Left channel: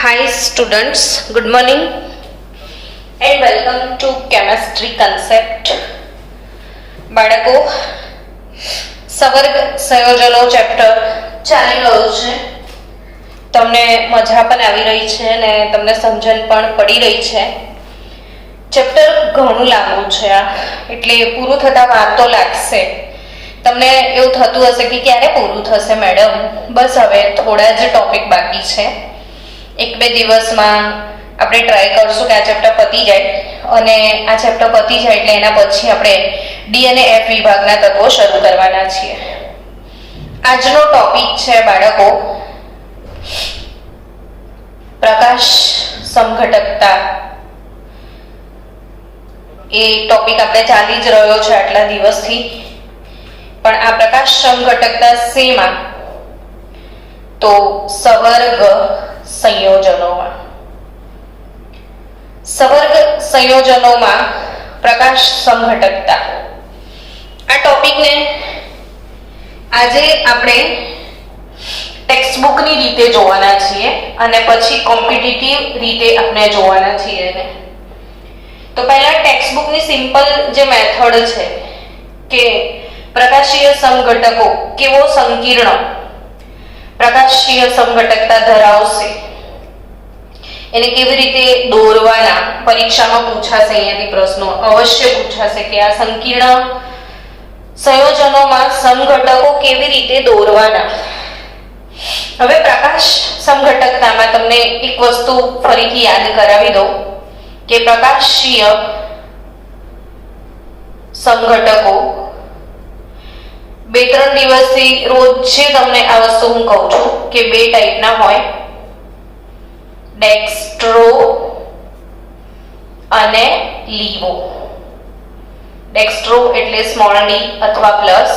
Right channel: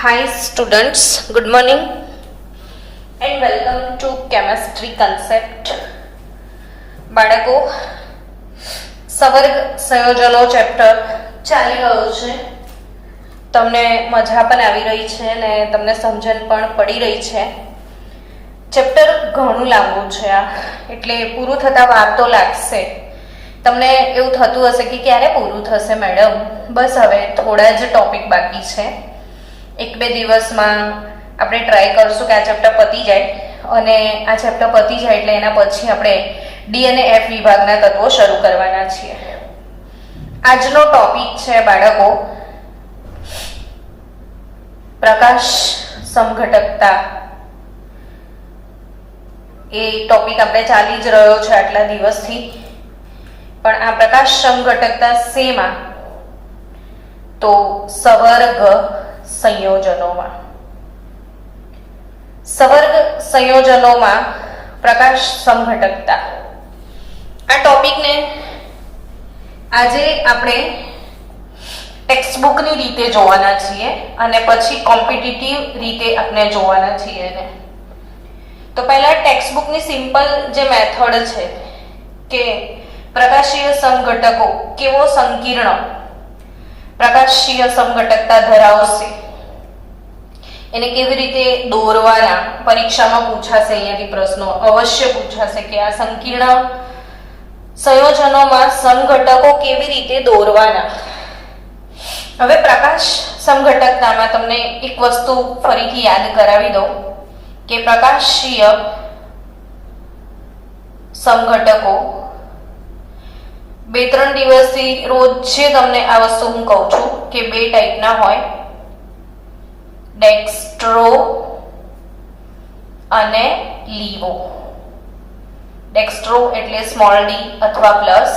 Hi students, good morning and welcome to chemistry concept. બાળકો સવર્ગ સંયોજનો chapter ચાલી રહ્યું છે. તમને મજા પણ આવી રહી છે અને તમને સમજણ પણ પડી રહી છે. ચેપ્ટર ઘણું લાંબુ છે આ, એટલે પૂરું થતા વાર તો લાગશે. તમને એવું થતું હશે કે ક્યારે પૂરું થશે મેડમ, બસ હવે થોડા જ ટોપિક બાકી છે. એક બે દિવસમાં આપણે ટ્રાય કરશું કે આ ચેપ્ટર પતી જાય, અને આ ચેપ્ટર પતી જાય એટલે એના પછી આપણે ડી અને એફ વિભાગના તત્વો શરૂ કરવાના છીએ. આજનો ટોપિક છે બાળકો પ્રકાશ સમઘટકતા. એ ટોપિક આપણે ચાલી જ રહ્યો છે આટલા દિવસથી, પણ આ પ્રકાશ સમઘટકતા શેમાં? તો સવર્ગ સંયોજનોમાં. સવર્ગ સંયોજનોમાં પ્રકાશ સમઘટકતા આ ટોપિકને આજે આપણે ટેક્સ્ટબુકની રીતે જોવાના છીએ અને પછી કોમ્પિટિટિવ રીતે આપણે જોવાના છીએ. તો પહેલા ટેક્સ્ટબુકની સિમ્પલ જે મેથડ છે કે પ્રકાશીય સમઘટકો કેવો સંકીર્ણ પ્રકાશીય સમઘટકતા ધરાવશે, એને કેવી રીતે દોરવાના, પરીક્ષામાં પૂછાશે. અહીંયાથી પ્રશ્નો અવશ્ય પૂછાશે કે આ સંકીર્ણ સંયોજનોમાં સમઘટકો કેવી રીતે દોરવાના. હવે પ્રકાશ સમઘટકતામાં તમને એક વસ્તુ ફરીથી યાદ કરાવી દઉં કે પ્રકાશીય સમઘટકો બે ત્રણ દિવસથી રોજે તમને આ વસ્તુ હું કહું છું કે બે ટાઈપના હોય, ડેક્સ્ટ્રો અને લીવો. ડેક્સ્ટ્રો એટલે સ્મોલ ડી અથવા પ્લસ,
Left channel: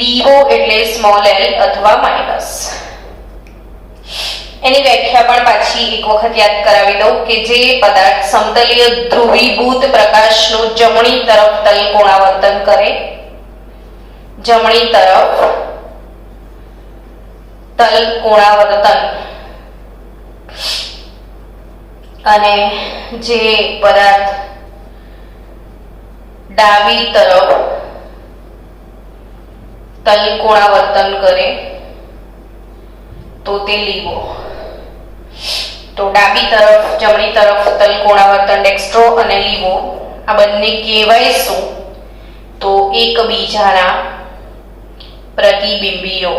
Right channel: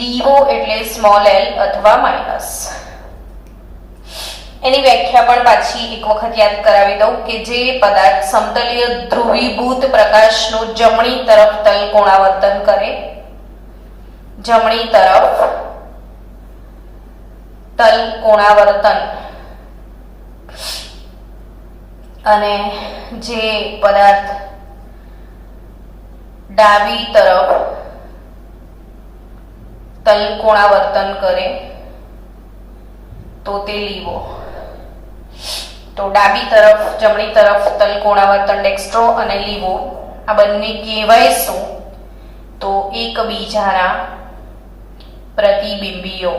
લીવો એટલે સ્મોલ એલ અથવા માઇનસ. એની વ્યાખ્યા પણ પાછી એક વખત યાદ કરાવી દઉં કે જે પદાર્થ સમતલીય ધ્રુવીભૂત પ્રકાશનું જમણી તરફ તલકોણાવર્તન કરે, જમણી તરફ તલકોણાવર્તન, અને જે પદાર્થ ડાબી તરફ તલકોણાવર્તન કરે તો તે લીવો. તો ડાબી તરફ જમણી તરફ તલકોણાવર્તન ડેક્સ્ટ્રો અને લીવો આ બંને કહેવાય શું? તો એકબીજાના પ્રતિબિંબીઓ.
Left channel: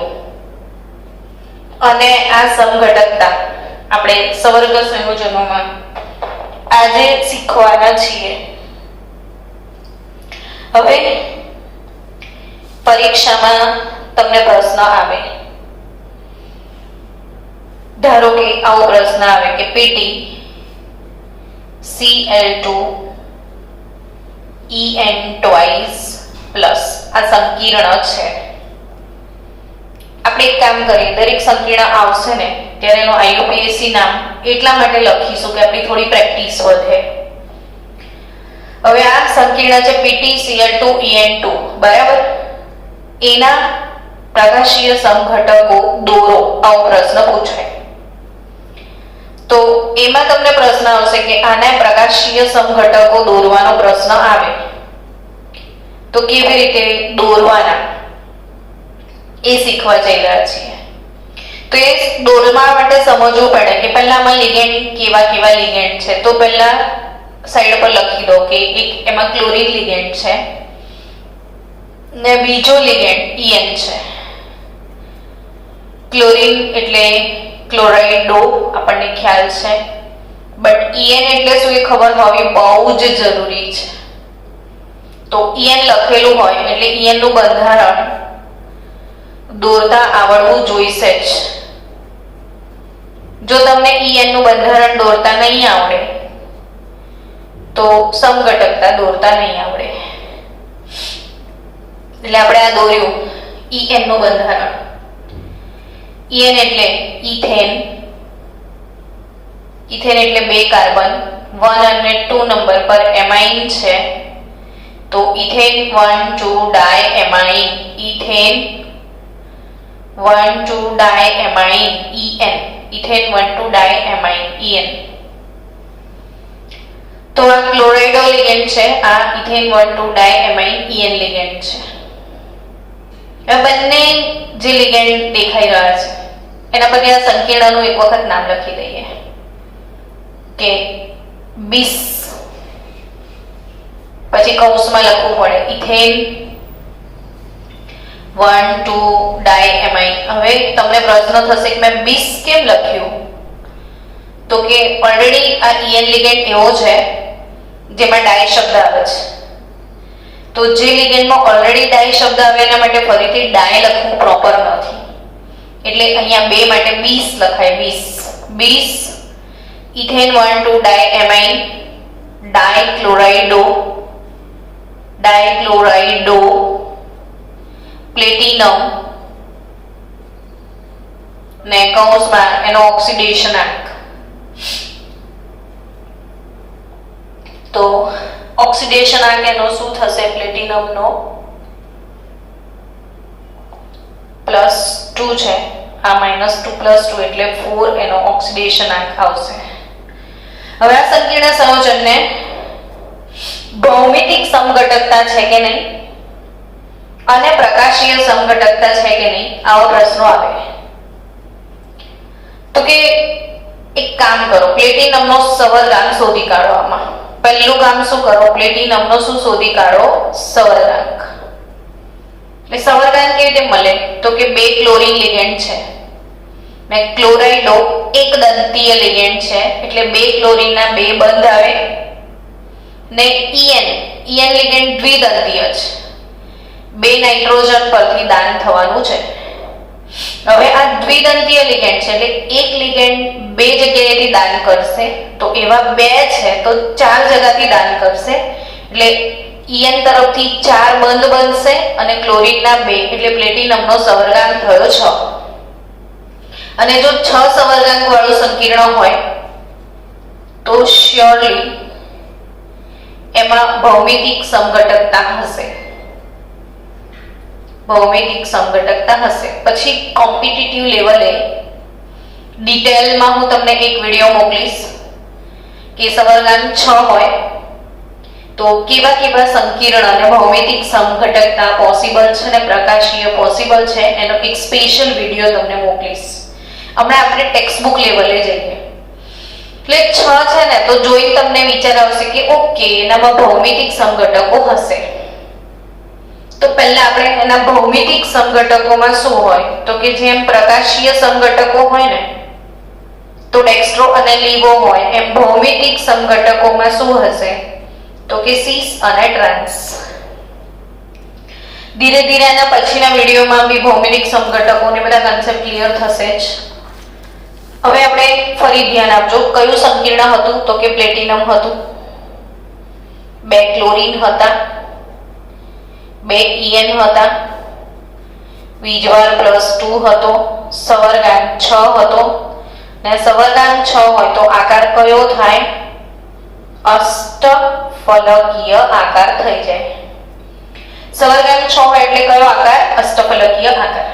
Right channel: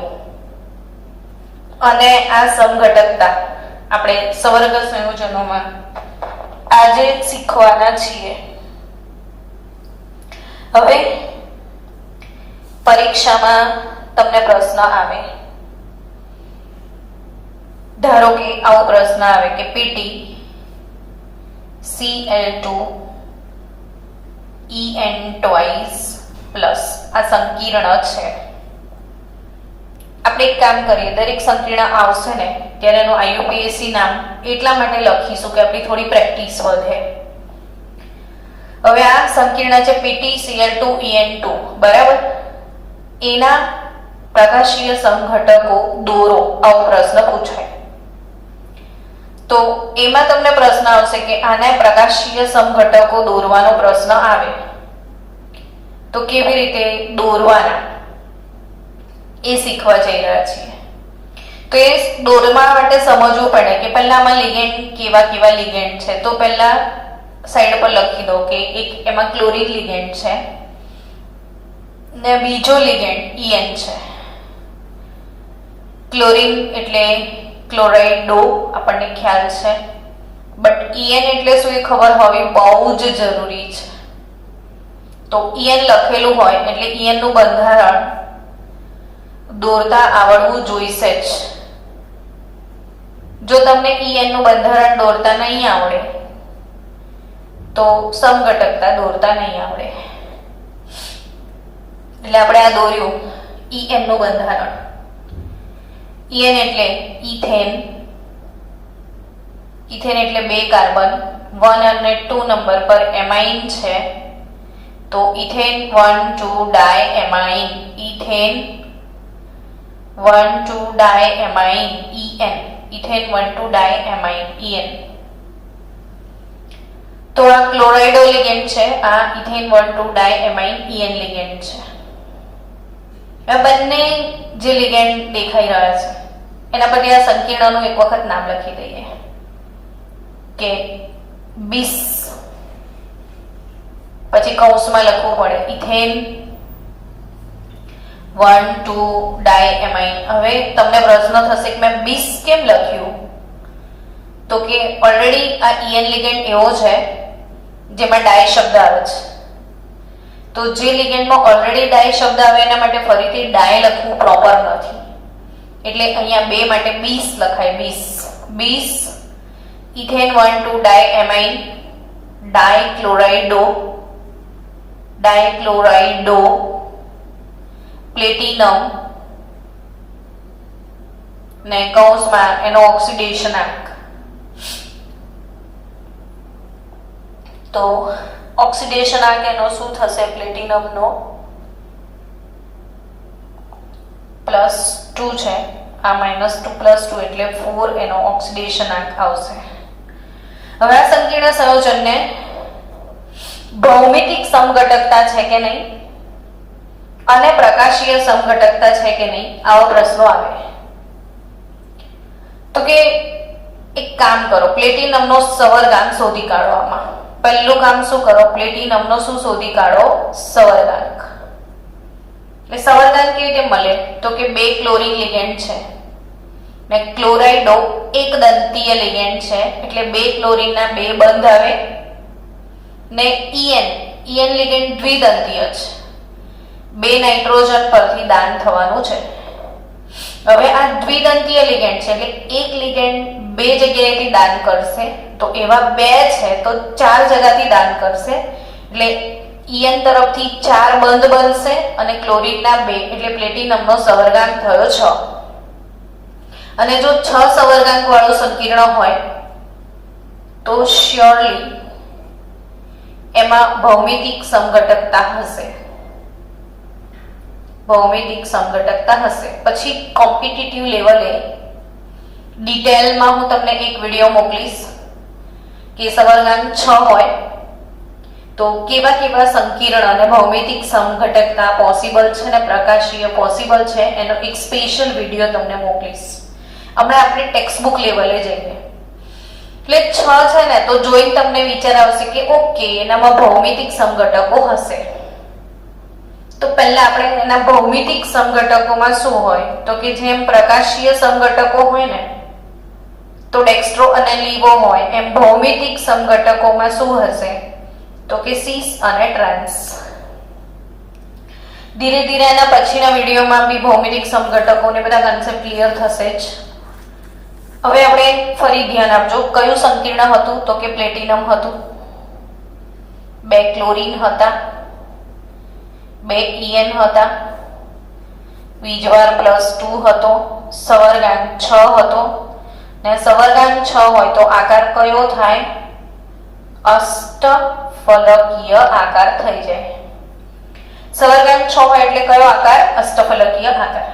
અને આ સમઘટકતા આપણે સવર્ગ સંયોજનોમાં આજે શીખવાના છીએ. હવે પરીક્ષામાં તમને પ્રશ્ન આવે, ધારો કે આવો પ્રશ્ન આવે કે PT Cl2 En twice plus આ સંકીર્ણ છે. આપણે એક કામ કરીએ, દરેક સંકીર્ણ આવશે ને ત્યારે એનું આઈયુપીએસસી નામ એટલા માટે લખીશું કે આપણી થોડી પ્રેક્ટિસ વધે. હવે આ સંકીર્ણ છે PtCl2En2 બરાબર, એના પ્રકાશીય સમઘટકો દોરો, આવો પ્રશ્ન પૂછાય. તો એમાં તમને પ્રશ્ન આવશે કે આના પ્રકાશીય સમઘટકો દોરવાનો પ્રશ્ન આવે તો કેવી રીતે દોરવાના એ શીખવા જઈ રહ્યા છીએ. તો એ દોરવા માટે સમજવું પડે કે પહેલા આમાં લિગેન્ડ કેવા કેવા લિગેન્ડ છે. તો પહેલા સાઈડ પર લખી દો કે એક એમાં ક્લોરીન લિગેન્ડ છે ને બીજો લિગેન્ડ En છે. ક્લોરીન એટલે ક્લોરાઇડો આપણને ખ્યાલ છે, બટ En એટલે શું એ ખબર હોવી બહુ જ જરૂરી છે. તો En લખેલું હોય એટલે En નું બંધારણ દોરતા આવડવું જોઈશે જ. જો તમને En નું બંધારણ દોરતા નહીં આવડે તો સમઘટકતા દોરતા નહીં આવડે. એટલે આપણે આ દોર્યું En નું બંધારણ. En એટલે ઇથેન, ઇથેન એટલે બે કાર્બન, 1 અને 2 નંબર પર એમાઇન છે તો ethane 1 2 diamine, ethane 1,2 diamine EN, ethane 1,2 diamine EN. તો આ ક્લોરાઇડો લિગેન્ડ છે, આ ઇથેન 1,2 ડાયએમાઇન EN લિગેન્ડ છે. આ બંને જે લિગેન્ડ દેખાઈ રહ્યા છે એના પરથી આ સંકીર્ણનું એક વખત નામ લખી દઈએ કે બીસ, પછી કૌંસમાં લખવું પડે ઇથેન 1,2 ડાયએમાઇન. હવે તમને પ્રશ્ન થશે કે મેં બીસ કેમ લખ્યું? તો કે ઓલરેડી આ EN લિગેન્ડ એવો છે જેમાં ડાય શબ્દ આવે છે. તો જે લિગેન્ડમાં ઓલરેડી ડાય શબ્દ આવે એના માટે ફરીથી ડાય લખવું પ્રોપર નથી, એટલે અહીંયા બે માટે બીસ લખાય. બીસ ઇથેન 1,2 ડાયએમાઇન ડાયક્લોરાઇડો પ્લેટિનમ ને કૌંસમાં એનો ઓક્સિડેશનાંક. તો ઓક્સિડેશનાંક એનો શું થશે? પ્લેટિનમનો +2 છે, આ -2 +2 એટલે 4 એનો ઓક્સિડેશનાંક આવશે. હવે આ સંકીર્ણ સંયોજનને ભૌમિતિક સમઘટકતા છે કે નહીં અને પ્રકાશીય સમઘટકતા છે કે નહીં, આવો પ્રશ્નો આવે. તો કે એક કામ કરો, પ્લેટિનમનો સવર્ગાંક શોધી કાઢો. આમાં પહેલું કામ શું કરો? પ્લેટિનમનો શું શોધી કાઢો? સવર્ગાંક. એટલે સવર્ગાંક કેવી રીતે મળે? તો કે 2 ક્લોરીન લિગેન્ડ છે ને ક્લોરાઇડો એક દંતીય લિગેન્ડ છે, એટલે 2 ક્લોરીનના 2 બંધ આવે ને EN લિગેન્ડ દ્વિદંતીય છે, 2 નાઇટ્રોજન પરથી દાન થવાનું છે. હવે આ દ્વિદંતીય લિગેન્ડ છે એટલે એક લિગેન્ડ 2 જગ્યાએથી દાન કરશે, તો એવા 2 છે તો 4 જગ્યાથી દાન કરશે, એટલે EN તરફથી 4 બંધ બનશે અને ક્લોરીનના 2, એટલે પ્લેટિનમનો સવર્ગાંક થયો 6. અને જો 6 સવર્ગાંક વાળું સંકીર્ણ હોય તો શ્યોરલી એમાં ભૌમિતિક સમઘટકતા હશે. પછી કોમ્પિટિટિવ લેવલે ડિટેલમાં હું તમને એક વિડીયો મોકલીશ કે સવર્ગાંક 6 હોય તો કેવા કેવા સંકીર્ણ અને ભૌમિતિક સમઘટકતા પોસિબલ છે અને પ્રકાશીય પોસિબલ છે, એનો એક સ્પેશિયલ વિડીયો તમને મોકલીશ. હમણાં આપણે ટેક્સ્ટબુક લેવલે જઈએ. એટલે 6 છે ને તો જોઈ તમને વિચાર આવશે કે ઓકે એનામાં ભૌમિતિક સમઘટકો હશે. તો પહેલા આપણે એના ભૌમિતિક સમઘટકોમાં શું હોય તો કે જેમ પ્રકાશીય સમઘટકો હોય ને તો ડેક્સ્ટ્રો અને લીવો હોય, એમ ભૌમિતિક સમઘટકોમાં શું હશે તો કે સિસ અને ટ્રાન્સ. ધીરે ધીરે આના પછીના વિડીયોમાં બી ભૌમિતિક સમઘટકોને બધા કન્સેપ્ટ ક્લિયર થશે જ. હવે આપણે ફરી ધ્યાન આપજો, કયું સંકીર્ણ હતું તો કે પ્લેટિનમ હતું, 2 ક્લોરીન હતા, 2 EN હતા, વીજવાર +2 હતો, સવર્ગાંક 6 હતો ને સવર્ગાંક 6 હોય તો આકાર કયો થાય? અષ્ટફલકીય આકાર થઈ જાય. સવર્ગાંક 6 હોય એટલે કયો આકાર? અષ્ટફલકીય આકાર.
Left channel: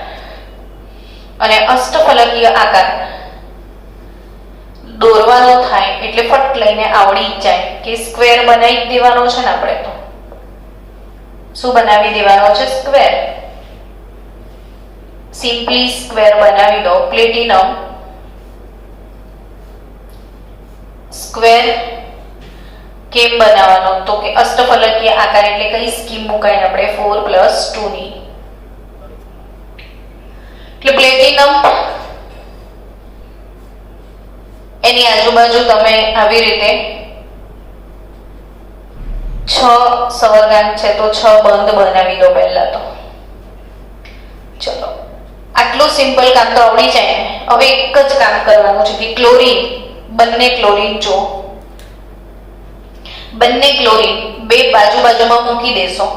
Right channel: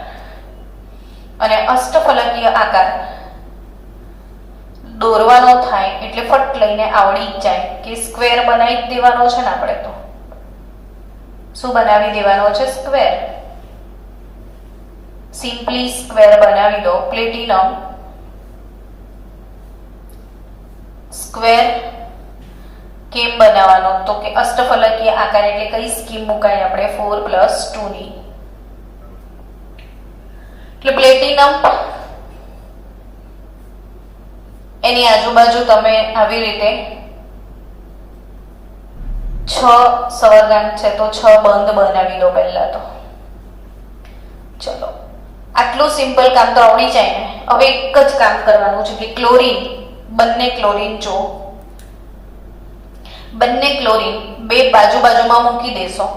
અને અષ્ટફલકીય આકાર દોરવાનો થાય એટલે ફટ લઈને આવડી જાય કે સ્ક્વેર બનાવી દેવાનો છે ને. આપણે તો શું બનાવી દેવાનો છે? સ્ક્વેર. સિમ્પલી સ્ક્વેર બનાવી દો. પ્લેટિનમ સ્ક્વેર કેમ બનાવવાનો તો કે અષ્ટફલકીય આકાર એટલે કઈ સ્કીમ મુકાય આપણે? 4 + 2 ની. એટલે પ્લેટિનમ એની આજુબાજુ તમે આવી રીતે 6 સવર્ગાંક છે તો 6 બંધ બનાવી દો પહેલા તો. ચલો આટલું સિમ્પલ કામ તો આવડી જાય ને. હવે એક જ કામ કરવાનું છે કે ક્લોરીન, બંને ક્લોરીન જો બંને ક્લોરીન 2 બાજુમાં મૂકી દેશો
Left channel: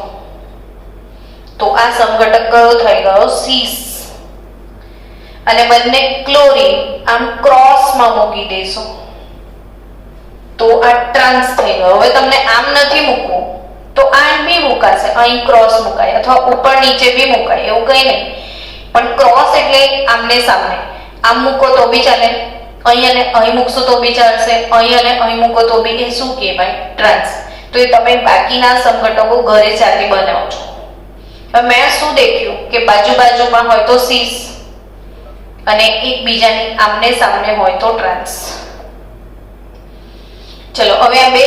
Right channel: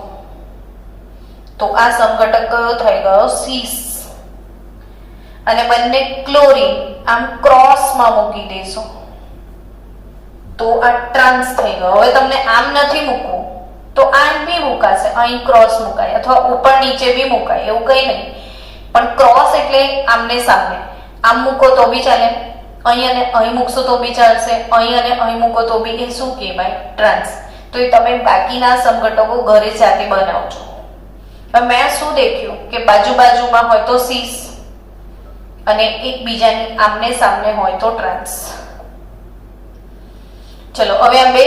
તો આ સમઘટક કયો થઈ ગયો? સીસ. અને બંને ક્લોરીન આમ ક્રોસમાં મૂકી દેશો તો આ ટ્રાન્સ થઈ ગયો. હવે તમને આમ નથી મૂકવું તો આમ બી મુકાશે, અહીં ક્રોસ મુકાય અથવા ઉપર નીચે બી મુકાય, એવું કઈ નહીં. પણ ક્રોસ એટલે આમને સામને, આમ મૂકો તો બી ચાલે, અહીં અને અહીં મૂકશો તો બી ચાલશે, અહીં અને અહીં મૂકો તો બી. એ શું કહેવાય? ટ્રાન્સ. તો એ તમે બાકીના સમઘટકો ઘરે જાતે બનાવજો. હવે મેં શું દેખ્યું કે બાજુ બાજુમાં હોય તો સીસ અને એકબીજાની આમને સામને હોય તો ટ્રાન્સ. ચલો હવે આ બે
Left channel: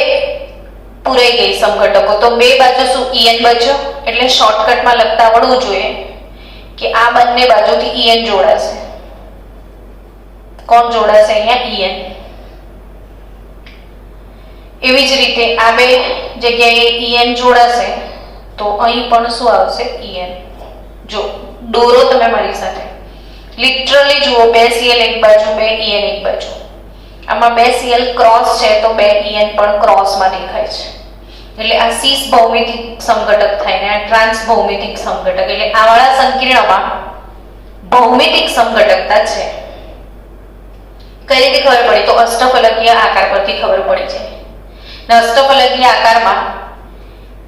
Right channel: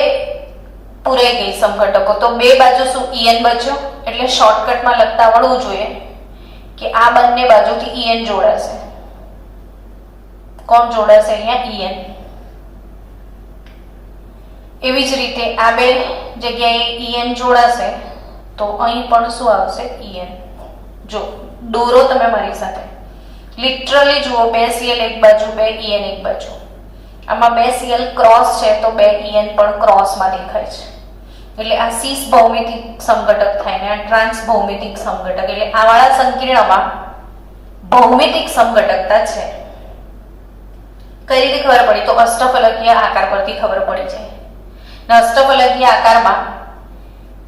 પૂરાઈ ગઈ સમઘટકો. તો બે બાજુ શું? En બચ્યો. એટલે શોર્ટકટમાં લખતા આવડવું જોઈએ કે આ બંને બાજુથી En જોડાશે. કોણ જોડાશે? અહીંયા En. એવી જ રીતે આ બે જગ્યાએ En જોડાશે તો અહીં પણ શું આવશે? En. જો દોરો તમે મારી સાથે, લિટરલી જુઓ, બે Cl એક બાજુ, બે En એક બાજુ. આમાં બે Cl ક્રોસ છે તો બે En પણ ક્રોસમાં દેખાય છે. એટલે આ સીસ ભૌમિતિક સમઘટક થાય ને આ ટ્રાન્સ ભૌમિતિક સમઘટક. એટલે આ વાળા સંકીર્ણમાં ભૌમિતિક સમઘટકતા છે. કઈ રીતે ખબર પડી? તો અષ્ટફલકીય આકાર પરથી ખબર પડી છે. ને અષ્ટફલકીય આકારમાં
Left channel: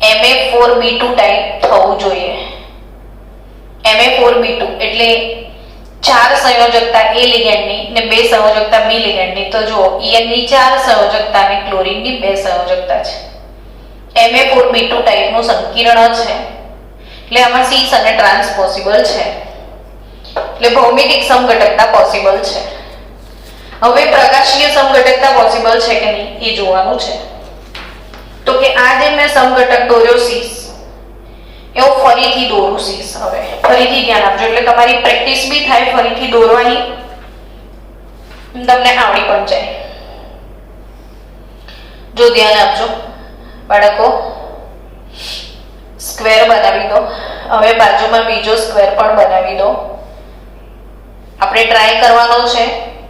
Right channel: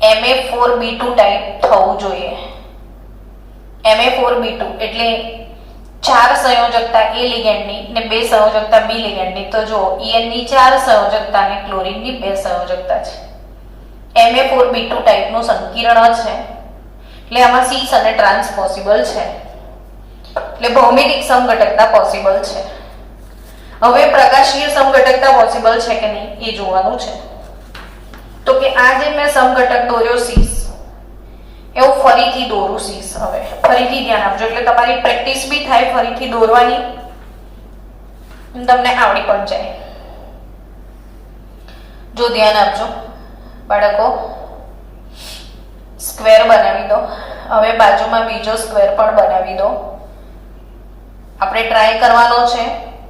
Ma4b2 ટાઈપ થવું જોઈએ. Ma4b2 એટલે 4 સંયોજકતા A લિગેન્ડની ને 2 સંયોજકતા B લિગેન્ડની. તો જુઓ, En ની 4 સંયોજકતા અને ક્લોરીનની 2 સંયોજકતા છે. Ma4b2 ટાઈપનું સંકીર્ણ છે. એટલે આમાં સીસ અને ટ્રાન્સ પોસિબલ છે. એટલે ભૌમિતિક સમઘટકતા પોસિબલ છે. હવે પ્રકાશીય સમઘટકતા પોસિબલ છે કે નહીં એ જોવાનું છે. તો કે આ જે મેં સમઘટક દોર્યો સીસ, એવો ફરીથી દોરું સીસ. હવે ફરીથી ધ્યાન આપજો એટલે તમારી પ્રેક્ટિસ બી થાય, ફરીથી દોરવાની તમને આવડી પણ જાય. જો ધ્યાન આપજો બાળકો, સ્ક્વેર બનાવી દો. હવે બાજુમાં બીજો સ્ક્વેર પણ બનાવી દો. આપણે ટ્રાય કરવાનો છે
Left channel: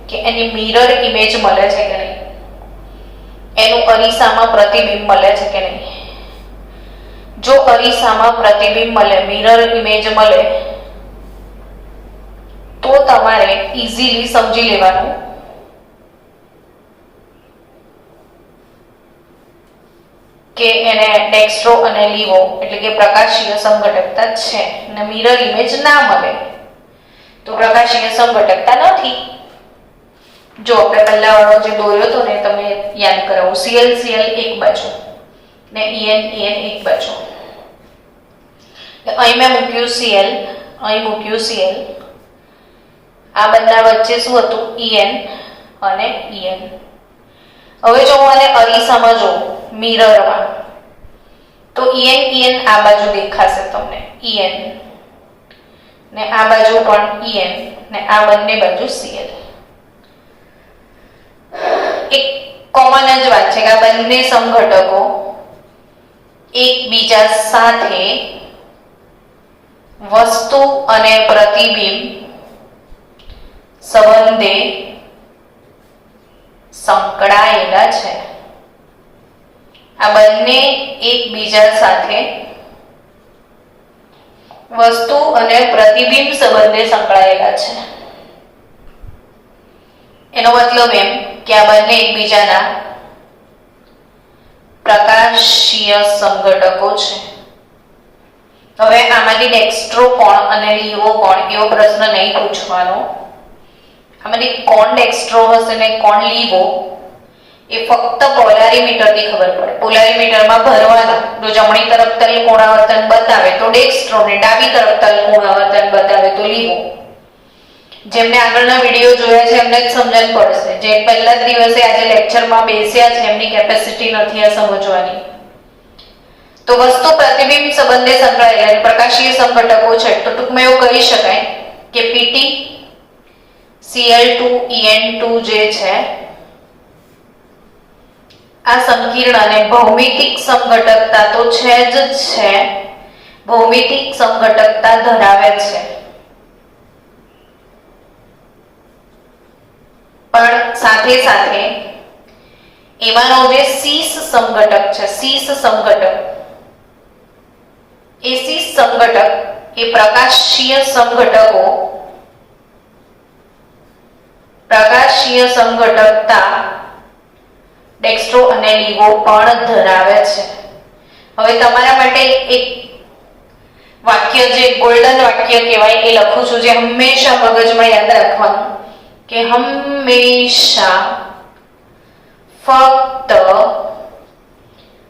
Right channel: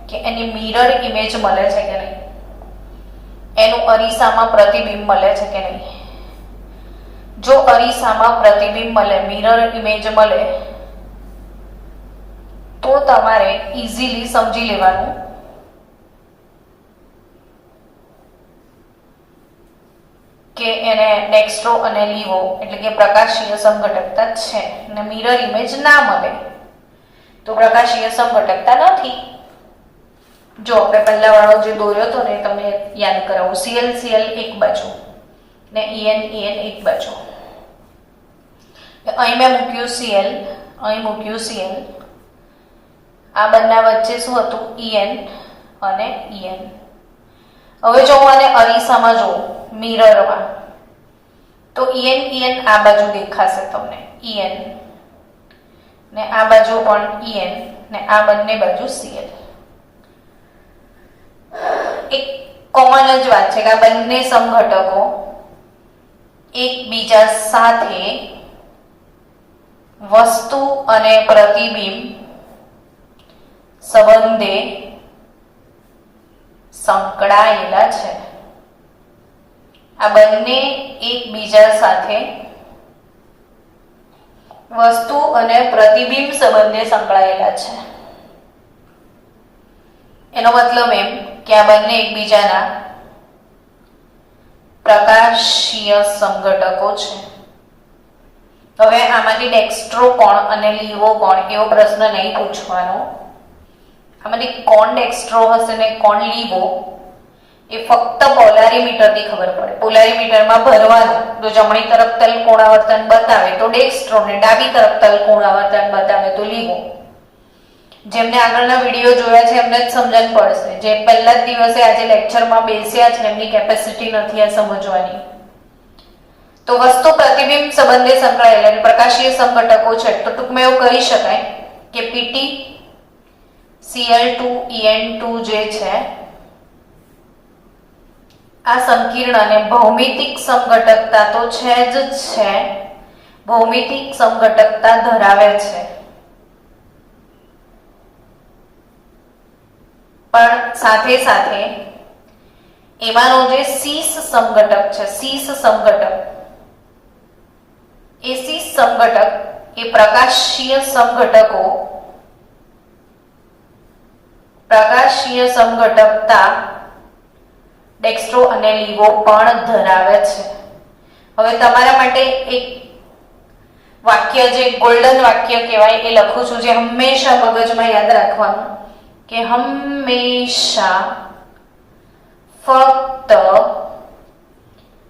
કે એની મિરર ઇમેજ મળે છે કે નહીં, એનું અરીસામાં પ્રતિબિંબ મળે છે કે નહીં. જો અરીસામાં પ્રતિબિંબ મળે, મિરર ઇમેજ મળે, તો તમારે ઈઝીલી સમજી લેવાનું કે એને ડેક્સ્ટ્રો અને લીવો એટલે કે પ્રકાશીય સમઘટકતા છે. અને મિરર ઇમેજ ના મળે તો પ્રકાશીય સમઘટકતા નથી. જો આપણે પહેલા વાળો જે દોર્યો હતો ને તમે યાદ કરાવો, Cl Cl એક બાજુ ને En એક બાજુ. અહીં મેં મૂક્યું Cl, અહીં મૂક્યું Cl. આ બંને વચ્ચે શું હતું? En અને En. હવે જો હું આને અરીસામાં જોઉં મિરરમાં તો En આ બાજુ દેખાશે તમને, En ને આ બાજુ પણ En ને આ બંને બાજુ Cl. એક કોમન જ વાત છે કે આ બંને સમઘટકો એકબીજા સાથે વસ્તુ અને પ્રતિબિંબ સંબંધે સંકળાયેલા છે. આ બંને એકબીજા સાથે વસ્તુ અને પ્રતિબિંબ સંબંધે સંકળાયેલા છે. એનો મતલબ એમ કે આ બંને એકબીજાના પ્રકાશીય સમઘટકો છે. હવે આમાંથી ડેક્સ્ટ્રો કોણ અને લીવો કોણ એવો પ્રશ્ન નહીં પૂછવાનો. આમાંથી કોણ ડેક્સ્ટ્રો હશે ને કોણ લીવો એ ફક્ત પોલારીમીટરથી ખબર પડે. પોલારીમીટરમાં ભરવાનું, જો જમણી તરફ તલ કોણાવર્તન બતાવે તો ડેક્સ્ટ્રો ને ડાબી તરફ તલ કોણાવર્તન બતાવે તો લીવો. જેમને આગળના વિડીયો જોયા છે એમને જ સમજણ પડશે. જે પહેલા જ દિવસે આજે લેક્ચરમાં બેસ્યા છે એમની કેપેસિટી નથી આ સમજવાની. તો વસ્તુ પ્રતિબિંબ સંબંધે સંકળાયેલા પ્રકાશીય સમઘટકો છે. તો ટૂંકમાં એવું કહી શકાય કે Pt Cl2 En2 જે છે આ સંકીર્ણ અને ભૌમિતિક સમઘટકતા તો છે જ છે, ભૌમિતિક સમઘટકતા ધરાવે છે. પણ સાથે સાથે એમાંનો જે સીસ સમઘટક છે, સીસ સમઘટક, એ સીસ સમઘટક એ પ્રકાશીય સમઘટકતા ડેક્સ્ટ્રો અને લીવો પણ ધરાવે છે. હવે તમારા માટે એક વાક્ય જે ગોલ્ડન વાક્ય કહેવાય એ લખું છું, જે હંમેશા મગજમાં યાદ રાખવાનું કે હંમેશા ફક્ત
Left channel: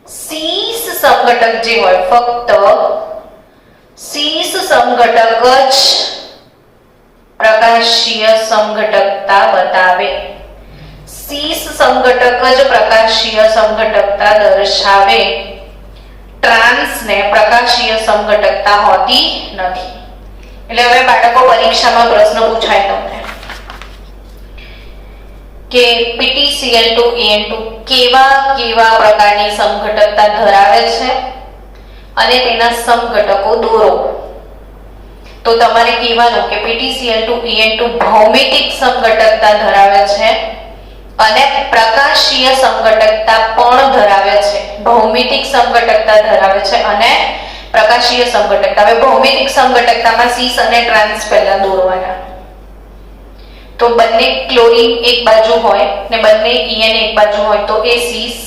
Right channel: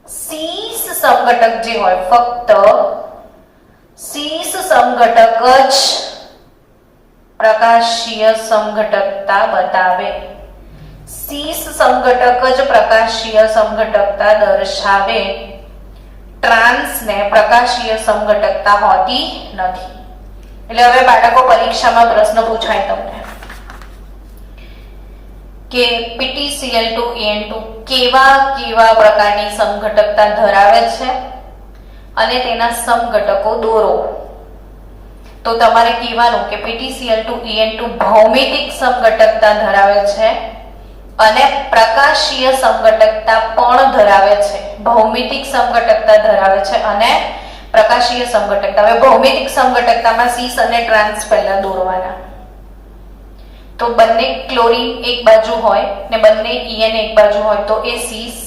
શીશ સમઘટક જે હોય, ફક્ત શીશ સમઘટક જ પ્રકાશીય સમઘટકતા બતાવે. શીશ સમઘટક જ પ્રકાશીય સમઘટકતા દર્શાવે. ટ્રાન્સને પ્રકાશીય સમઘટકતા હોતી નથી. એટલે હવે બાળકો પરીક્ષામાં પ્રશ્ન પૂછાય તમને કે PtCl2 En2 કેવા કેવા પ્રકારની સમઘટકતા ધરાવે છે અને તેના સમઘટકો દોરો. તો તમારે કહેવાનું કે PtCl2 En2 ભૌમિતિક સમઘટકતા ધરાવે છે અને પ્રકાશીય સમઘટકતા પણ ધરાવે છે. ભૌમિતિક સમઘટકતા ધરાવે છે અને પ્રકાશીય સમઘટકતા. હવે ભૌમિતિક સમઘટકતામાં સીસ અને ટ્રાન્સ પહેલા દોરવાના. તો બંને ક્લોરીન એક બાજુ હોય ને બંને En એક બાજુ હોય તો એ સીસ,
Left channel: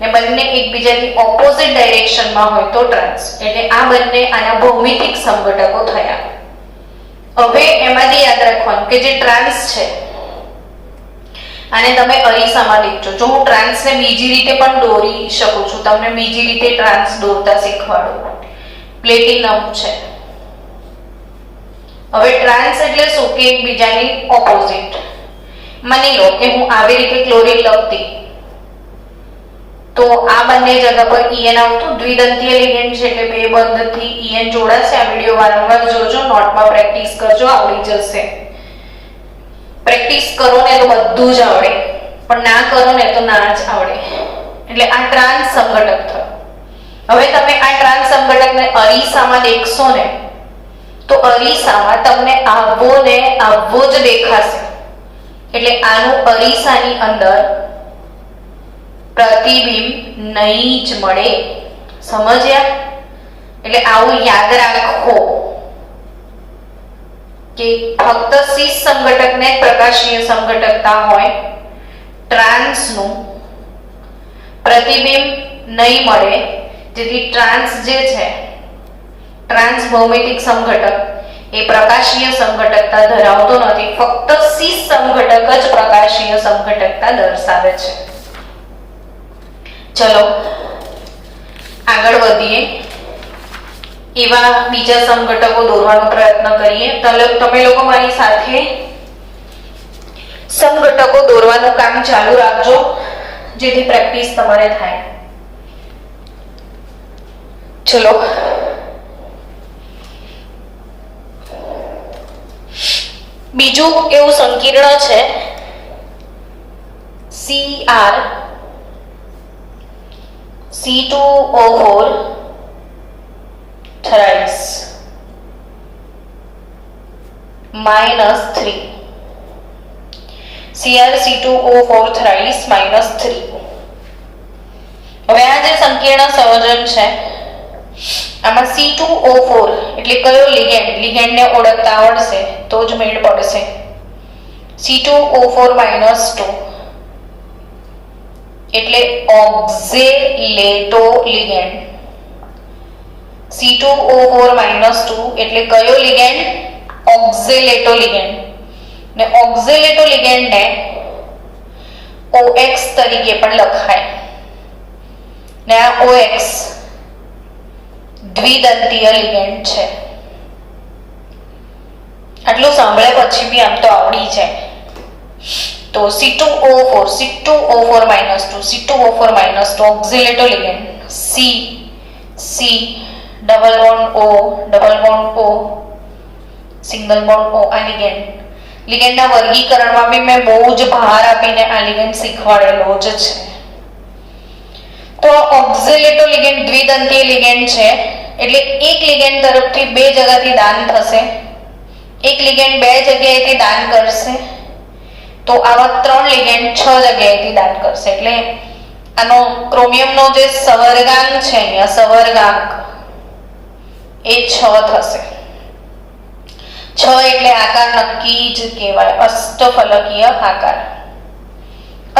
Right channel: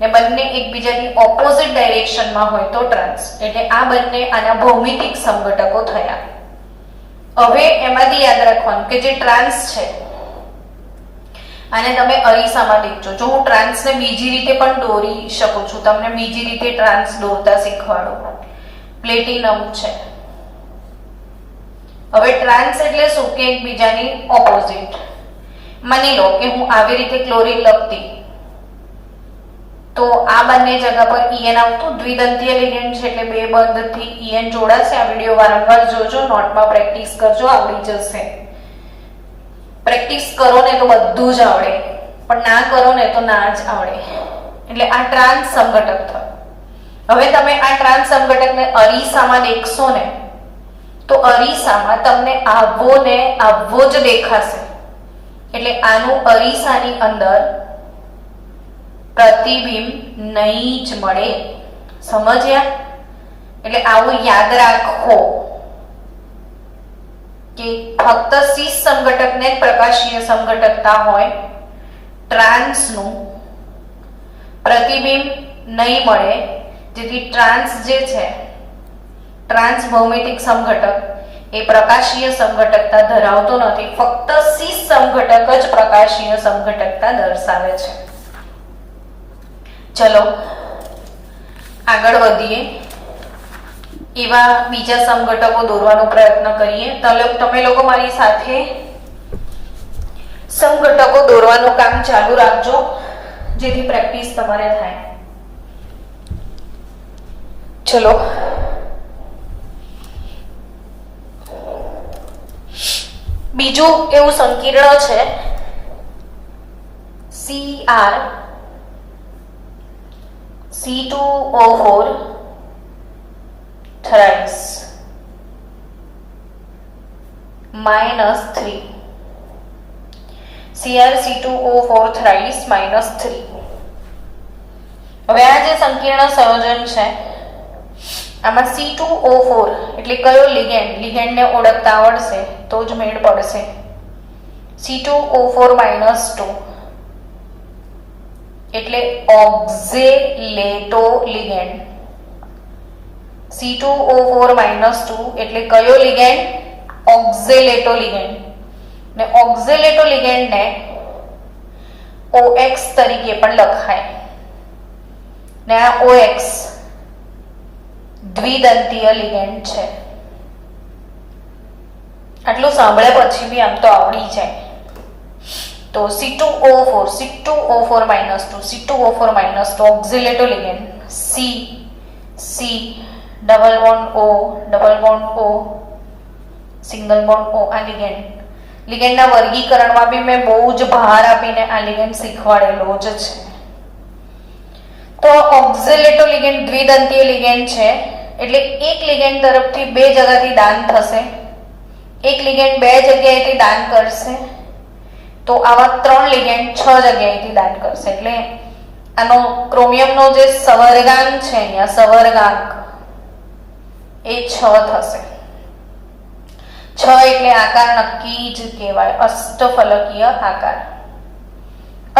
ને બંને એકબીજાની ઓપોઝિટ ડાયરેક્શનમાં હોય તો ટ્રાન્સ. એટલે આ બંને આના ભૌમિતિક સમઘટકો થયા. હવે એમાંથી યાદ રાખવાનું કે જે ટ્રાન્સ છે આને તમે અરીસામાં દેખજો. જો હું ટ્રાન્સને બીજી રીતે પણ દોરી શકું છું, તમને બીજી રીતે ટ્રાન્સ દોરતા શીખવાડું. પ્લેટિનમ છે. હવે ટ્રાન્સ એટલે શું કે એકબીજાની ઓપોઝિટ. માની લો કે હું આવી રીતે ક્લોરીન લખતી તો આ બંને જગ્યા પર En આવતું. દ્વિદંતીય લિગેન્ડ છે એટલે બે બંધથી En જોડાશે. આ વિડિયો વારંવાર જોજો, નોટમાં પ્રેક્ટિસ કરજો, આવડી જશે. પ્રેક્ટિસ કરો ને તો બધું જ આવડે, પણ ના કરો ને તો ના જ આવડે. એટલે આ ટ્રાન્સ સમઘટક થયો. હવે તમે આ ટ્રાન્સ સમઘટકને અરીસામાં દેખશો ને તો અરીસામાં તમને આવો ને આવો જ દેખાશે. એટલે આનું અરીસાની અંદર પ્રતિબિંબ નહીં જ મળે. સમજ્યા? એટલે આવું યાદ રાખો કે ફક્ત શીશ સમઘટકને પ્રકાશીય સમઘટકતા હોય, ટ્રાન્સનું પ્રતિબિંબ નહીં મળે, જેથી ટ્રાન્સ જે છે, ટ્રાન્સ ભૌમિતિક સમઘટક એ પ્રકાશીય સમઘટકતા ધરાવતો નથી. ફક્ત શીશ સમઘટક જ પ્રકાશીય સમઘટકતા દર્શાવે છે. ચલો આગળ વધીએ. એવા બીજા સમઘટકો દોરવાનો પ્રયત્ન કરીએ. તમે લોકો મારી સાથે સમઘટકો દોરવાનું કામ ચાલુ રાખજો, જેથી પ્રેક્ટિસ તમારે થાય. ચલો બીજું એવું સંકીર્ણ છે Cr C2O4 thrice -3. Cr C2O4 thrice -3. હવે આ જે સંકીર્ણ સંયોજન છે આમાં C2O4 એટલે કયો લિગેન્ડ, લિગેન્ડને ઓળખતા આવડશે તો જ મેળ પડશે. C2O4 -2 એટલે ઓક્ઝેલેટો લિગેન્ડ. C2O4 -2 એટલે કયો લિગેન્ડ? ઓક્ઝેલેટો લિગેન્ડ. ને ઓક્ઝેલેટો લિગેન્ડને OX તરીકે પણ લખાય. ને આ OX દ્વિદંતીય લિગેન્ડ છે. આટલું સાંભળ્યા પછી બી આમ તો આવડી જાય. તો C2O4 C2O4 -2 oxalato ligand. C double bond O single bond O આ લિગેન્ડના વર્ગીકરણમાં બી મેં બહુ જ ભાર આપીને આ લિગેન્ડ શીખવાડેલો જ છે. તો ઓક્ઝિલેટો લિગેન્ડ દ્વિદંતીય લિગેન્ડ છે એટલે એક લિગેન્ડ તરફથી બે જગ્યાથી દાન થશે, એક લિગેન્ડ બે જગ્યાએથી દાન કરશે, તો આવા ત્રણ લિગેન્ડ 6 જગ્યાએથી દાન કરશે. એટલે આનો ક્રોમિયમનો જે સવર્ગાંક છે અહીંયા, સવર્ગાંક એ 6 થશે. 6 એટલે આકાર નક્કી જ કહેવાય, અષ્ટફલકીય આકાર.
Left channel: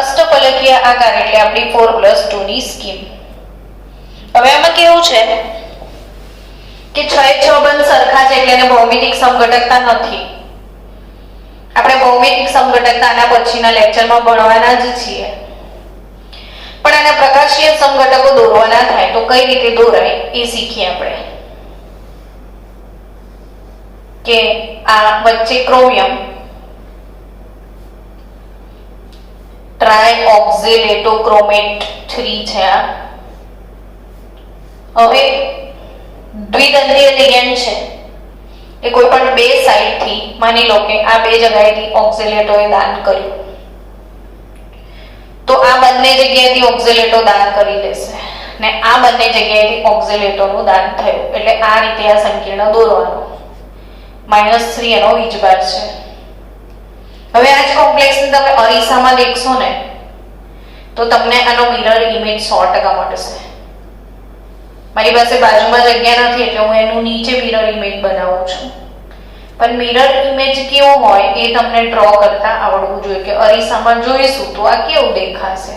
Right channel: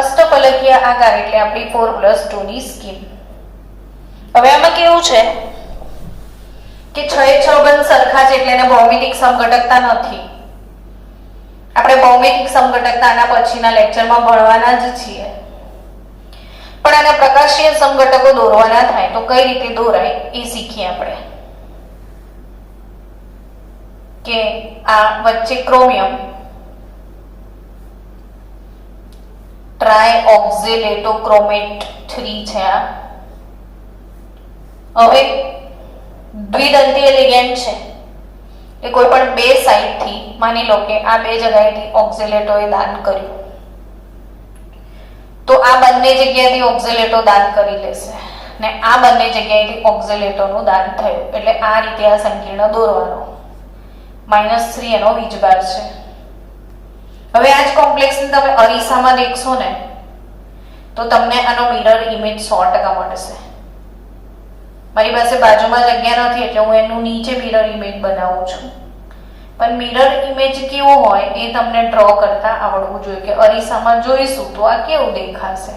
અષ્ટફલકીય આકાર એટલે આપણી 4+2 ની સ્કીમ. હવે આમાં કેવું છે કે 6 એ 6 બંધ સરખા છે એટલે એને ભૌમિતિક સમઘટકતા નથી. આપણે ભૌમિતિક સમઘટકતાના પછીના લેક્ચરમાં ભણવાના જ છીએ. પણ આના પ્રકાશીય સમઘટકો દોરવાના થાય તો કઈ રીતે દોરાય એ શીખીએ આપણે. કે આ વચ્ચે ક્રોમિયમ ટ્રાયઓક્ઝેલેટોક્રોમેટ 3 છે. હવે દ્વિદંતીય લિગેન્ડ છે એ કોઈ પણ બે સાઈડ થી, માની લો કે આ બે જગ્યાએથી ઓક્ઝેલેટોએ દાન કર્યું તો આ બંને જગ્યાએથી ઓક્ઝેલેટો દાન કરી લેશે ને આ બંને જગ્યાએથી ઓક્ઝેલેટોનું દાન થયું એટલે આ રીતે આ સંકીર્ણ દોરવાનો. -3 એનો વીજભાર છે. હવે આ જ કોમ્પ્લેક્સને તમે અરીસામાં દેખશો ને તો તમને આનો મિરર ઇમેજ 100% મળશે. મારી પાસે બાજુમાં જગ્યા નથી એટલે હું એનું નીચે મિરર ઇમેજ બનાવું છું. પણ મિરર ઇમેજ કેવો હોય એ તમને ડ્રો કરતા આવડવું જોઈએ કે અરીસામાં જોઈશું તો આ કેવું દેખાશે.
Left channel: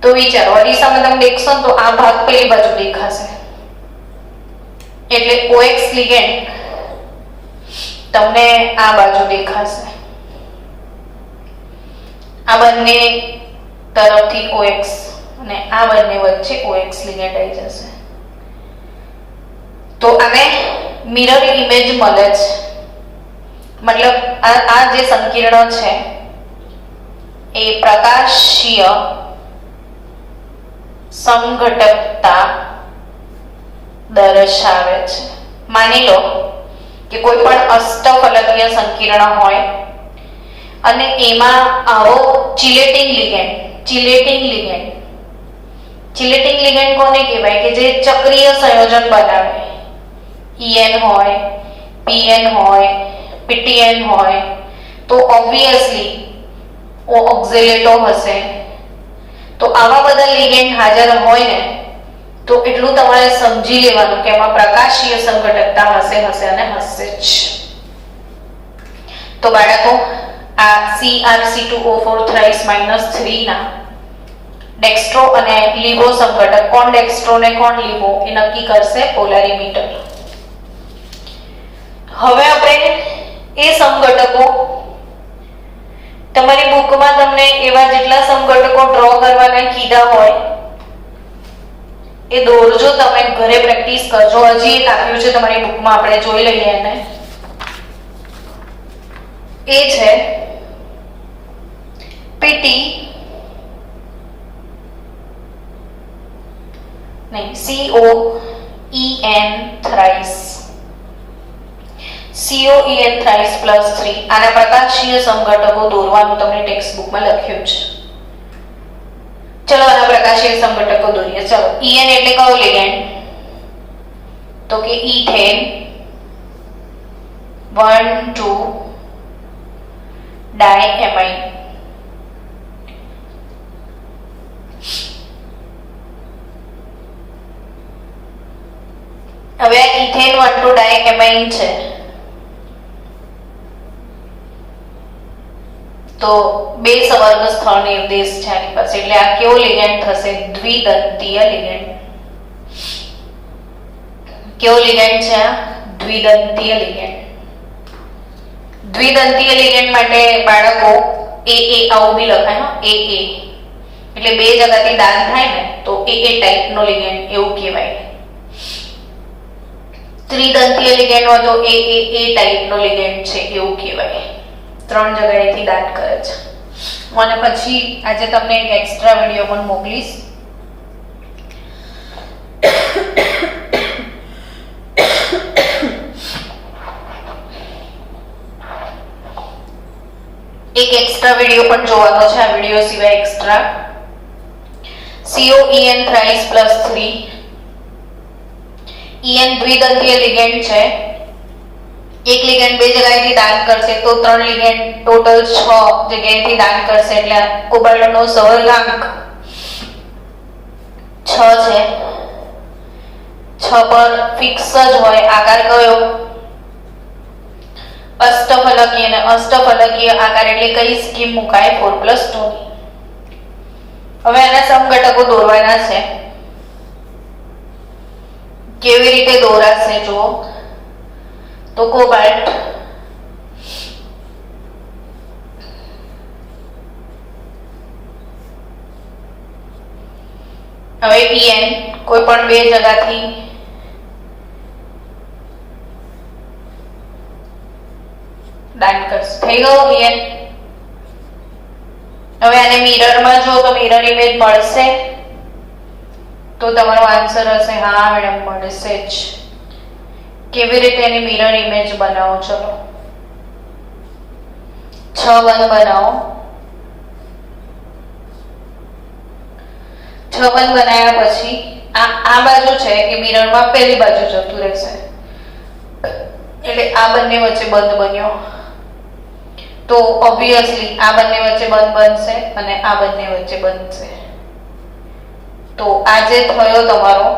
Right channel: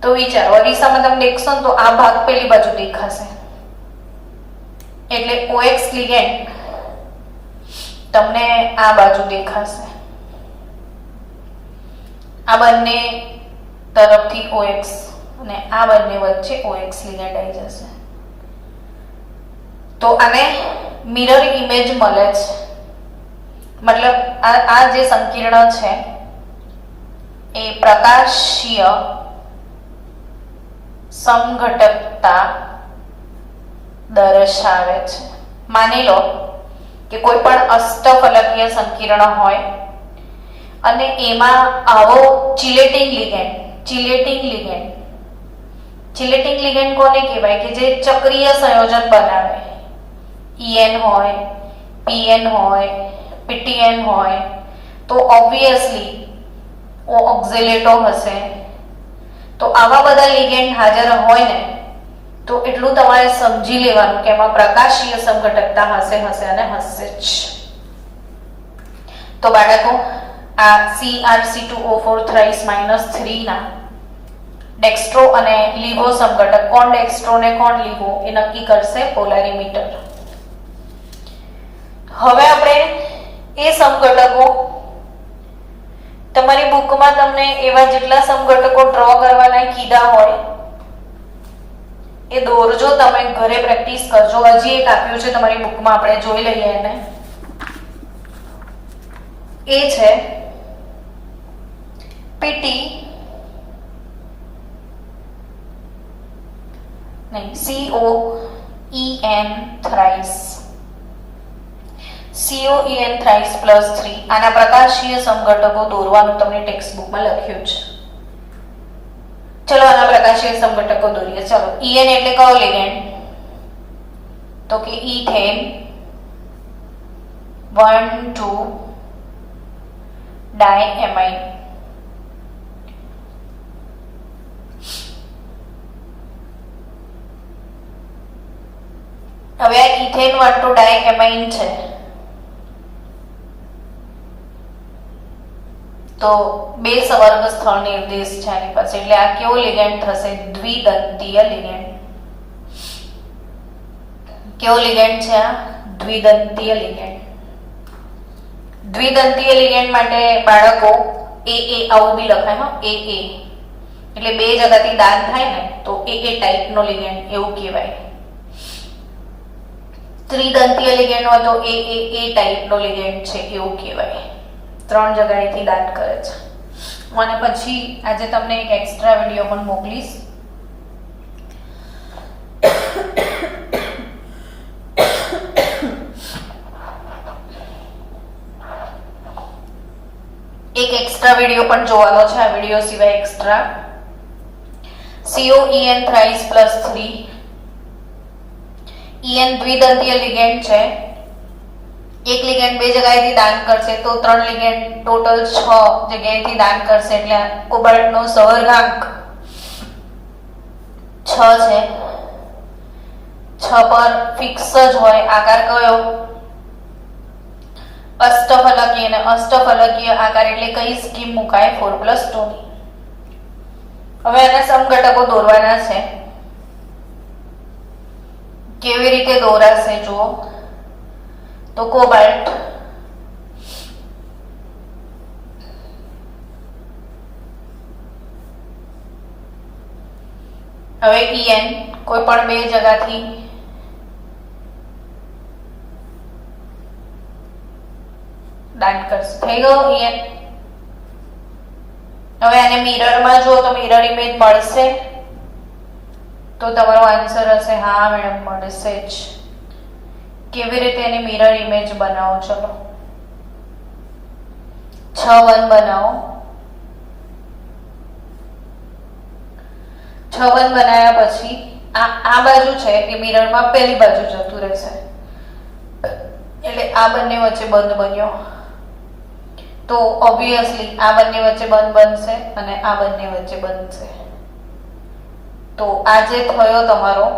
તો વિચારો, અરીસામાં તમે દેખશો તો આ ભાગ પેલી બાજુ દેખાશે એટલે OX લિગેન્ડ તમને આ બાજુ દેખાશે. આ બંને તરફથી OX અને આ બંને વચ્ચે OX લિગેન્ડ આવી જશે. તો આને મિરર ઇમેજ મળે છે. મતલબ આ જે સંકીર્ણ છે એ પ્રકાશીય સમઘટકતા દર્શાવે છે. માની લો કે કોઈ પણ અષ્ટફલકીય સંકીર્ણ હોય અને એમાં આવો ચિલેટિંગ લિગેન્ડ કોને કહેવાય કે જે ચક્રીય સંયોજન બનાવે. EN હોય, PN હોય, PTN હોય તો ઓબ્વિયસલી ઓક્ઝેલેટો હશે. તો આવા બધા લિગેન્ડ હાજર હોય ને તો એટલું તમારે સમજી લેવાનું કે એમાં પ્રકાશીય સંઘટકતા હશે અને હશે જ. તો બાળકો આ CrC2O4 થ્રાઇસ -3 ના ડેક્સ્ટ્રો અને લીવો સંઘટક, કોણ ડેક્સ્ટ્રો ને કોણ લીવો એ નક્કી કરશે પોલારીમીટર. હવે આપણે એ સમઘટકો, તમારી બુકમાં તમને એવા જેટલા સમઘટકો ડ્રો કરવાના કીધા હોય એ દોરજો. તમે ઘરે પ્રેક્ટિસ કરજો. હજી એક આપ્યું છે તમારી બુકમાં, આપણે જોઈ લઈએ એને. એ છે પીટી નહીં COEN થ્રાઇસ +3. આના પ્રકાશીય સમઘટકો દોરવાનું તમને ટેક્સ્ટ બુકમાં લખ્યું છે. ચલો આના પ્રકાશીય સમઘટકો દોરીએ. ચલો EN એટલે કયો લિગેન્ડ? તો કે ઇથેન 1,2 ડાયએમાઇન. હવે આ ઇથેન 1,2 ડાયએમાઇન છે તો બે સવર્ગ સ્થળ નિર્દેશ છે આની પાસે એટલે આ કેવો લિગેન્ડ થશે? દ્વિદંતીય લિગેન્ડ. કેવો લિગેન્ડ છે આ? દ્વિદંતીય લિગેન્ડ. દ્વિદંતીય લિગેન્ડ માટે બાળકો AA આવું બી લખાય. AA એટલે બે જગ્યાથી દાન થાય ને તો AA ટાઈપનો લિગેન્ડ એવું કહેવાય. ત્રિદંતીય લિગેન્ડ હોય તો AA ટાઈપનો લિગેન્ડ છે એવું કહેવાય. 3 જગ્યાએથી દાન કરે છે. અને પછી આજે તમને એક એક્સ્ટ્રા વિડીયો પણ મોકલીશ. એક એક્સ્ટ્રા વિડીયો પણ જોવાનો છે. આ વિડીયો સિવાય એક્સ્ટ્રા COEN થ્રાઇસ +3. EN દ્વિદંતીય લિગેન્ડ છે. એક લિગેન્ડ બે જગ્યાએથી દાન કરશે તો 3 લિગેન્ડ ટોટલ 6 જગ્યાએથી દાન કરશે એટલે કોબાલ્ટનો સહર્ગાંક 6 છે. 6 પર ફિક્સ જ હોય. આકાર કયો? અષ્ટફલકીય. અને અષ્ટફલકીય આકાર એટલે કઈ સ્કીમ મુકાય? 4+2 ની. હવે આના સમઘટકો દોરવાના છે કેવી રીતે દોરાશે જુઓ. તો કોબાલ્ટ, હવે En કોઈ પણ બે જગ્યાથી દાન કરશે. થઈ ગયો En. હવે આને મિરરમાં જો તો મિરર ઇમેજ મળશે, તો તમારો આન્સર હશે હા મેડમ મળશે જ. કેવી રીતે એની મિરર ઇમેજ બનાવો? ચલો 6 1 બનાવો. 6 1 બનાવ્યા પછી આ બાજુ છે એ મિરરમાં પહેલી બાજુ જતું રહેશે, એટલે આ બંને વચ્ચે બંધ બન્યો. તો ઓબ્વિયસલી આ બંને વચ્ચે બંધ બનશે અને આ બંને વચ્ચે બનશે. તો આ જે થયો તમારો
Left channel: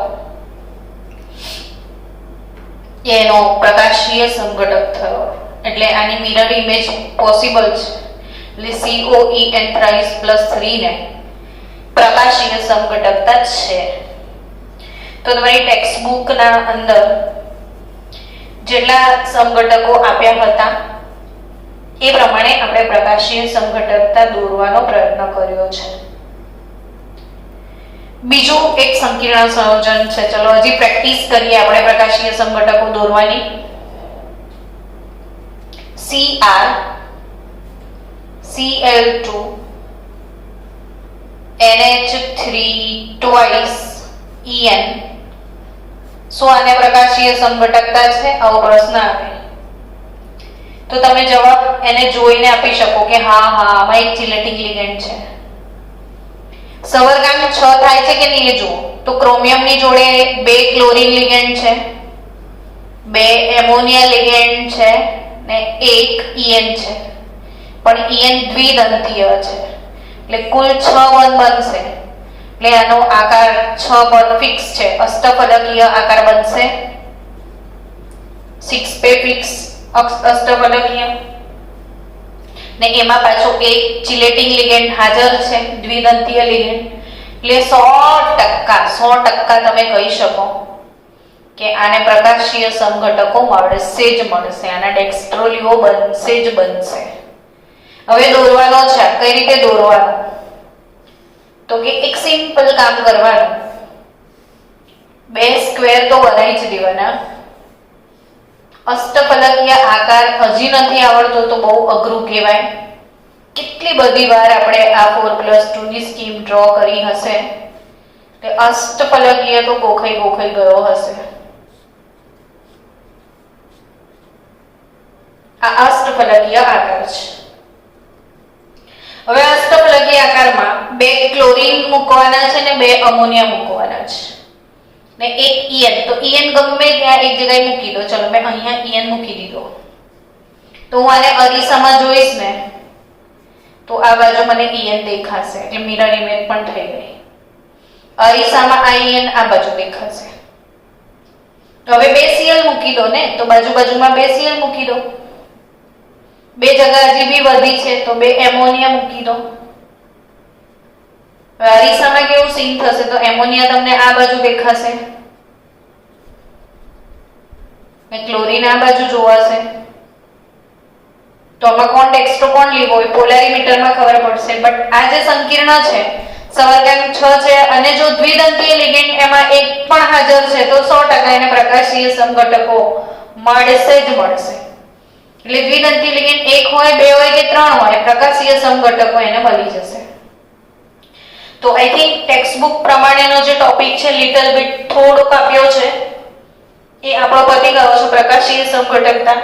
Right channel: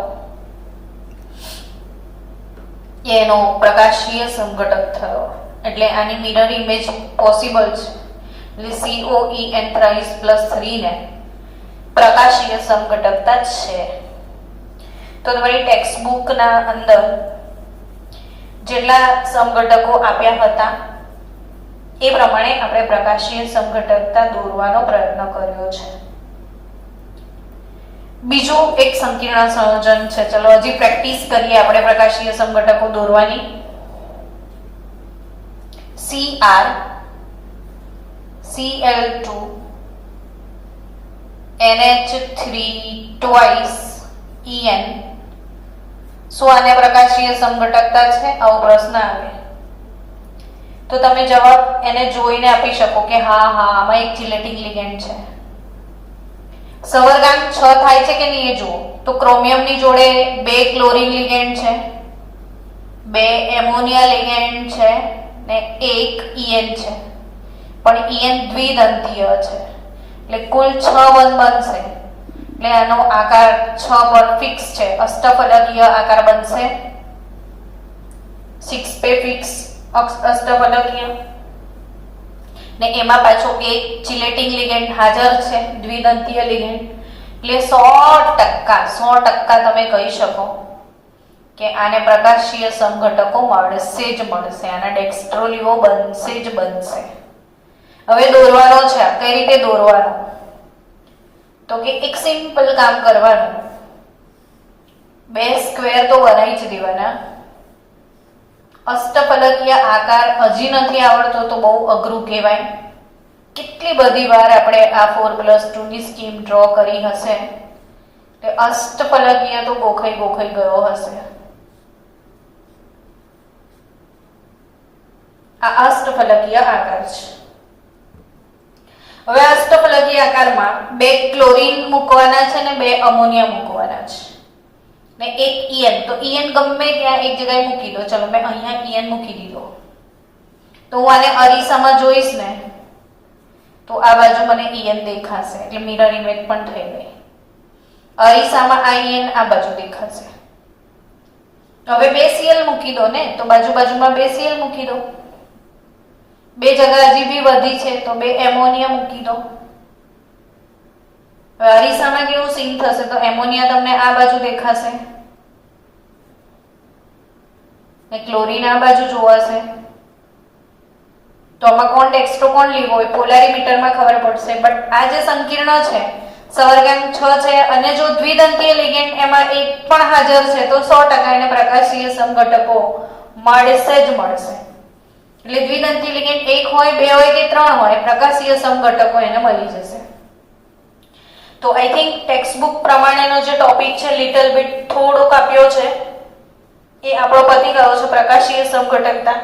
એનો પ્રકાશીય સંઘટક થયો, એટલે આની મિરર ઇમેજ પોસિબલ છે. એટલે COEN થ્રાઇસ +3 ને પ્રકાશીય સંઘટકતા છે. તો તમારી ટેક્સ્ટ બુકના અંદર જેટલા સમઘટકો આપ્યા હતા એ પ્રમાણે આપણે પ્રકાશીય સમઘટકતા દોરવાનો પ્રયત્ન કર્યો છે. બીજું એક સંકીર્ણ સંયોજન છે. ચલો હજી પ્રેક્ટિસ કરીએ આપણે પ્રકાશીય સમઘટકો દોરવાની. Cr Cl2 NH3 twice En. શું આને પ્રકાશીય સમઘટકતા છે? આવો પ્રશ્ન આવે તો તમે જવાબ એને જોઈને આપી શકો કે હા આમાં એક ચિલેટિંગ લિગેન્ડ છે. સવર્ગાંક 6 થાય છે કે નહીં એ જુઓ. તો ક્રોમિયમની જોડે 2 ક્લોરીન લિગેન્ડ છે, 2 એમોનિયા લિગેન્ડ છે ને 1 En છે, પણ En દ્વિદંતીય છે એટલે કુલ 6 1 બનશે. એટલે આનો આકાર 6 પર ફિક્સ છે, અષ્ટફલકીય આકાર બનશે. 6 પે ફિક્સ અષ્ટફલકીય ને એમાં પાછો એક ચિલેટિંગ લિગેન્ડ હાજર છે, દ્વિદંતીય લિગેન્ડ. એટલે 100% તમે કહી શકો કે આને પ્રકાશીય સમઘટકો મળશે જ મળશે. આના ડેક્સ્ટ્રોલિયો બનશે જ બનશે. હવે દોરવાનો છે. કઈ રીતે દોરવાનો? તો કે એક સિમ્પલ કામ કરવાનું, 2 સ્ક્વેર તો બનાવી જ દેવાના. અષ્ટફલકીય આકાર હજી નથી આવડતો તો બહુ અઘરું કહેવાય. કેટલી બધી વાર આપણે આ 4+2 ની સ્કીમ ડ્રો કરી હશે, તે અષ્ટફલકીય તો ગોખાઈ ગયો હશે. આ અષ્ટફલકીય આકાર છે. હવે અષ્ટફલકીય આકારમાં 2 ક્લોરીન મૂકવાના છે ને 2 અમોનિયા મૂકવાના છે ને 1 En. તો En ગમે ત્યાં એક જગ્યાએ મૂકી દો. ચલો મેં અહીંયા En મૂકી દીધો. તો હું આને અરીસામાં જોઈશ ને તો આ બાજુ મને En દેખાશે, એટલે મિરર ઇમેજ પણ થઈ ગઈ. અરીસામાં આ En આ બાજુ દેખાશે. તો હવે 2 Cl મૂકી દો ને, તો બાજુમાં 2 Cl મૂકી દો. 2 જગ્યા હજી બી વધી છે તો 2 એમોનિયા મૂકી દો. અરીસામાં કેવું સીન થશે? તો એમોનિયા તમને આ બાજુ દેખાશે ને ક્લોરીન આ બાજુ જોવાશે. તો આમાં કોણ ડેક્સ્ટ્રો કોણ લીવો હોય પોલારીમીટરમાં ખબર પડશે. બટ આ જે સંકીર્ણ છે સવર્ગાંક 6 છે અને જો દ્વિદંતીય લિગેન્ડ એમાં એક પણ હાજર છે તો 100% એને પ્રકાશીય સમઘટકો મળશે જ મળશે. એટલે દ્વિદંતીય લિગેન્ડ 1 હોય 2 હોય કે 3 હોય, પ્રકાશીય સમઘટકો એને મળી જશે. તો આઈ થિંક ટેક્સ્ટ બુક પ્રમાણેનો જે ટોપિક છે લિટલ બીટ થોડોક આપ્યો છે એ આપણો પતી ગયો છે, પ્રકાશીય સમઘટકતા.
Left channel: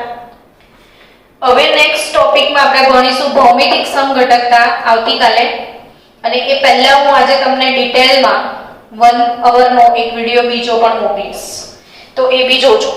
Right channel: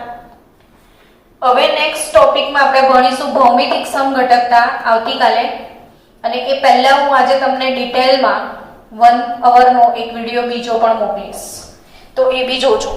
હવે નેક્સ્ટ ટોપિકમાં આપણે ભણીશું ભૌમિતિક સમઘટકતા આવતીકાલે. અને એ પહેલા હું આજે તમને ડિટેલમાં 1 અવરનો એક વિડિયો બીજો પણ મોકલીશ, તો એ બી જોજો.